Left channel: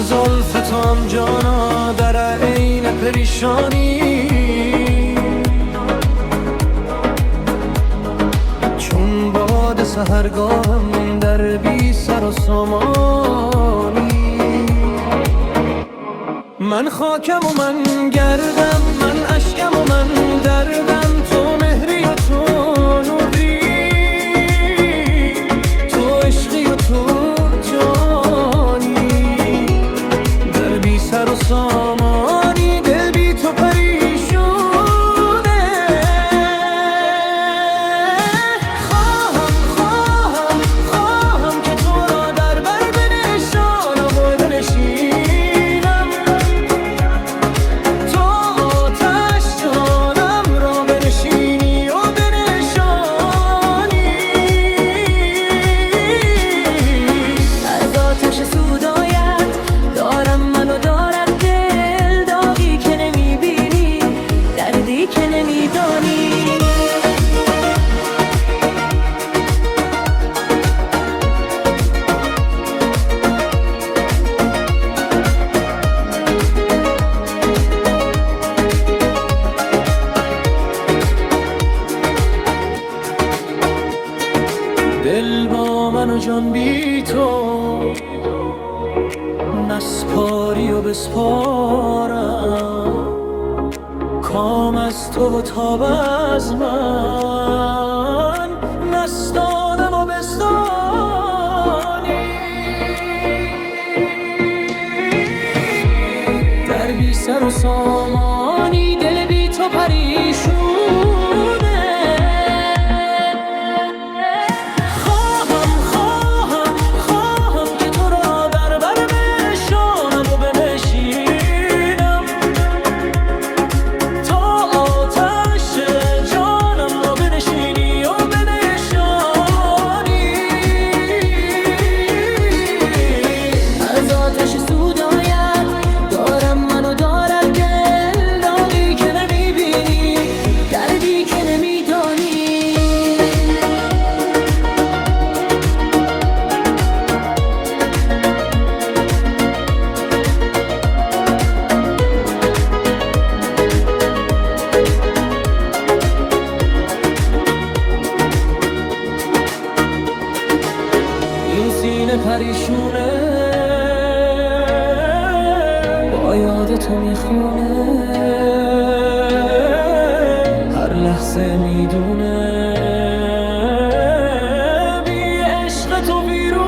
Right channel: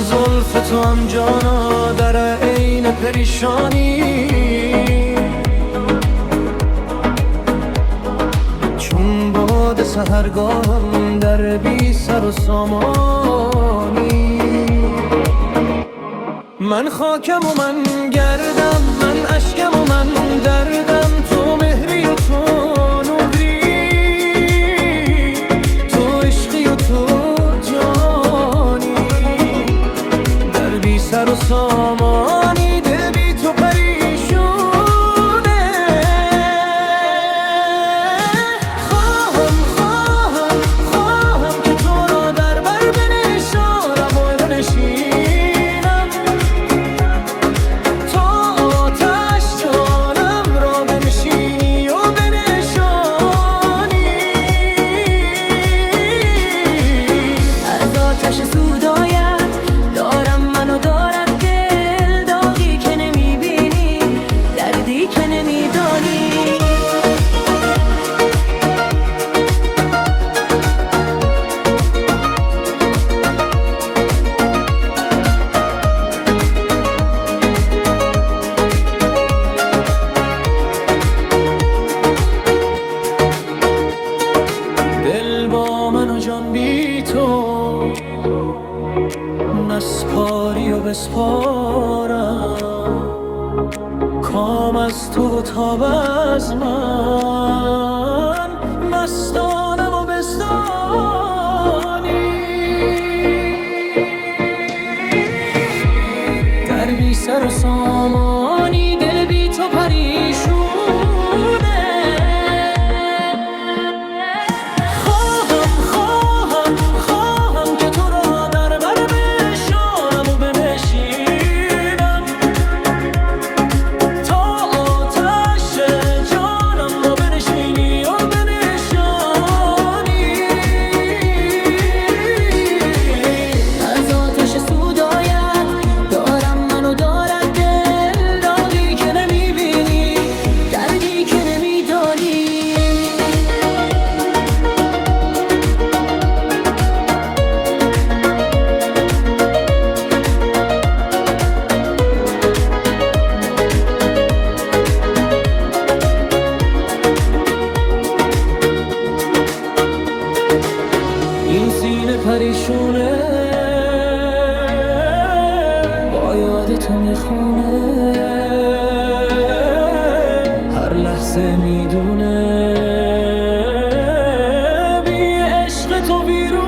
زلف تو هم جانا در عین پریشانی، چون باد سحرگاهم در بی سر و سامانی. من خاکم و من گردم، من اشکم و من دردم، تو مهری و تو نوری، تو عشقی و تو جانی، در بی سر و سامانی دل بی تو پریشونه. خواهم که تو را در بر بنشانم و بنشینم، تا آتش جانم را بنشینی و بنشانی. از آتش سودایت دارم منو دارد دل، داغی که نمیبینی، دردی که نمیدانی. دل با من و جان بی تو، نسپاری و بسپارم، کام از تو و تاب از من، نستانم و بستانی. در بی سر و سامانی دل بی تو پریشونه. خواهم که تو را در بر بنشانم و بنشینم، تا آتش جانم را بنشینی و بنشانی. از آتش سودایت دارم منو دارد دل، داغی که نمیبینی، دردی که نمیدانی. این سینه پریشونه با یاد تو میخونه، هر لحظه میدونه بی عشق تو ویرونه.